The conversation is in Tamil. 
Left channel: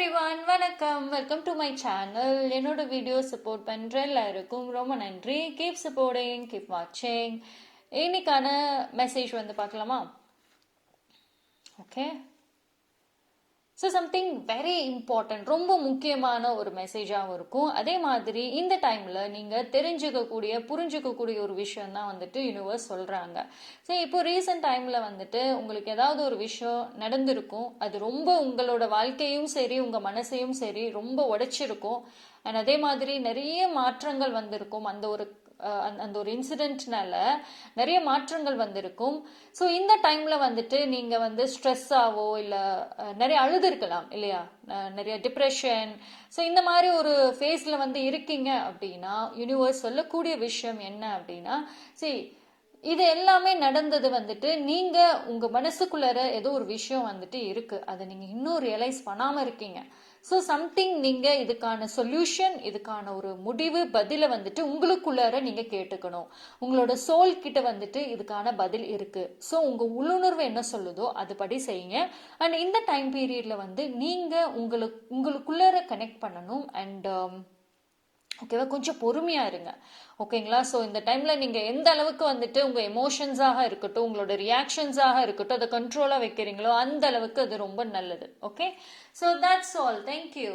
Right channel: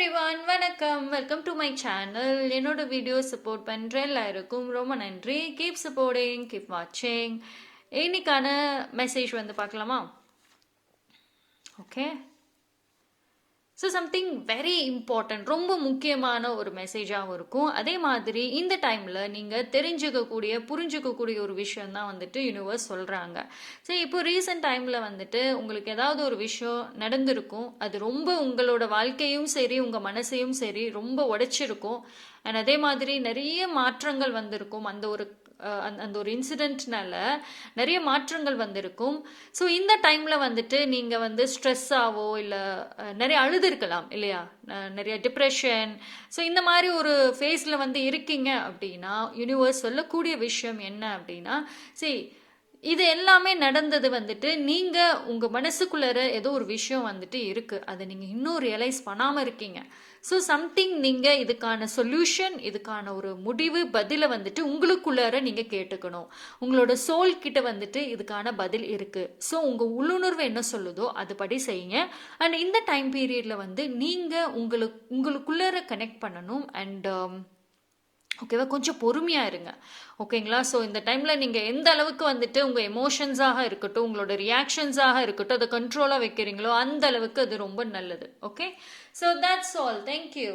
எவ்ரிவான் வணக்கம், வெல்கம் டு மை சேனல். என்னோட வீடியோ சப்போர்ட் பண்ணுற எல்லாருக்கும் ரொம்ப நன்றி. கீப் சப்போர்ட்டிங், கீப் வாட்சிங். இன்னைக்கான மெசேஜ் வந்து பார்க்கலாமா? Okay, so something very important, ரொம்ப முக்கியமான ஒரு மெசேஜாகவும் இருக்கும். அதே மாதிரி இந்த டைமில் நீங்கள் தெரிஞ்சுக்கக்கூடிய புரிஞ்சுக்கக்கூடிய ஒரு விஷயம் தான் வந்துட்டு யூனிவர்ஸ் சொல்கிறாங்க. ஸோ இப்போ ரீசெண்ட் டைமில் வந்துட்டு உங்களுக்கு ஏதாவது ஒரு விஷயம் நடந்திருக்கும். அது ரொம்ப உங்களோட வாழ்க்கையும் சரி உங்கள் மனசையும் சரி ரொம்ப உடைச்சிருக்கும். அண்ட் அதே மாதிரி நிறைய மாற்றங்கள் வந்திருக்கும். அந்த ஒரு இன்சிடென்ட்னால நிறைய மாற்றங்கள் வந்திருக்கும். ஸோ இந்த டைம்ல வந்துட்டு நீங்க வந்து ஸ்ட்ரெஸ்ஸாவோ இல்லை நிறைய அழுதுருக்கலாம் இல்லையா, நிறைய டிப்ரெஷன். ஸோ இந்த மாதிரி ஒரு ஃபேஸ்ல வந்து இருக்கீங்க அப்படின்னா யூனிவர்ஸ் சொல்லக்கூடிய விஷயம் என்ன அப்படின்னா, சரி இது எல்லாமே நடந்தது வந்துட்டு நீங்க உங்க மனசுக்குள்ளார ஏதோ ஒரு விஷயம் வந்துட்டு இருக்கு, அதை நீங்க இன்னும் ரியலைஸ் பண்ணாம இருக்கீங்க. ஸோ சம்திங் நீங்க இதுக்கான சொல்யூஷன், இதுக்கான ஒரு முடிவு பதிலை வந்துட்டு உங்களுக்குள்ளார நீங்க கேட்டுக்கணும். உங்களோட சோல் கிட்ட வந்துட்டு இதுக்கான பதில் இருக்கு. ஸோ உங்க உள்ளுணர்வு என்ன சொல்லுதோ அதுபடி செய்யுங்க. அண்ட் இந்த டைம் பீரியட்ல வந்து நீங்க உங்களுக்குள்ளார கனெக்ட் பண்ணணும். அண்ட் ஓகேவா, கொஞ்சம் பொறுமையாக இருங்க. ஓகேங்களா? ஸோ இந்த டைமில் நீங்கள் எந்த அளவுக்கு வந்துட்டு உங்கள் எமோஷன்ஸாக இருக்கட்டும், உங்களோட ரியாக்ஷன்ஸாக இருக்கட்டும், அதை கண்ட்ரோலாக வைக்கிறீங்களோ அந்த அளவுக்கு அது ரொம்ப நல்லது. Okay, so that's all. Thank you.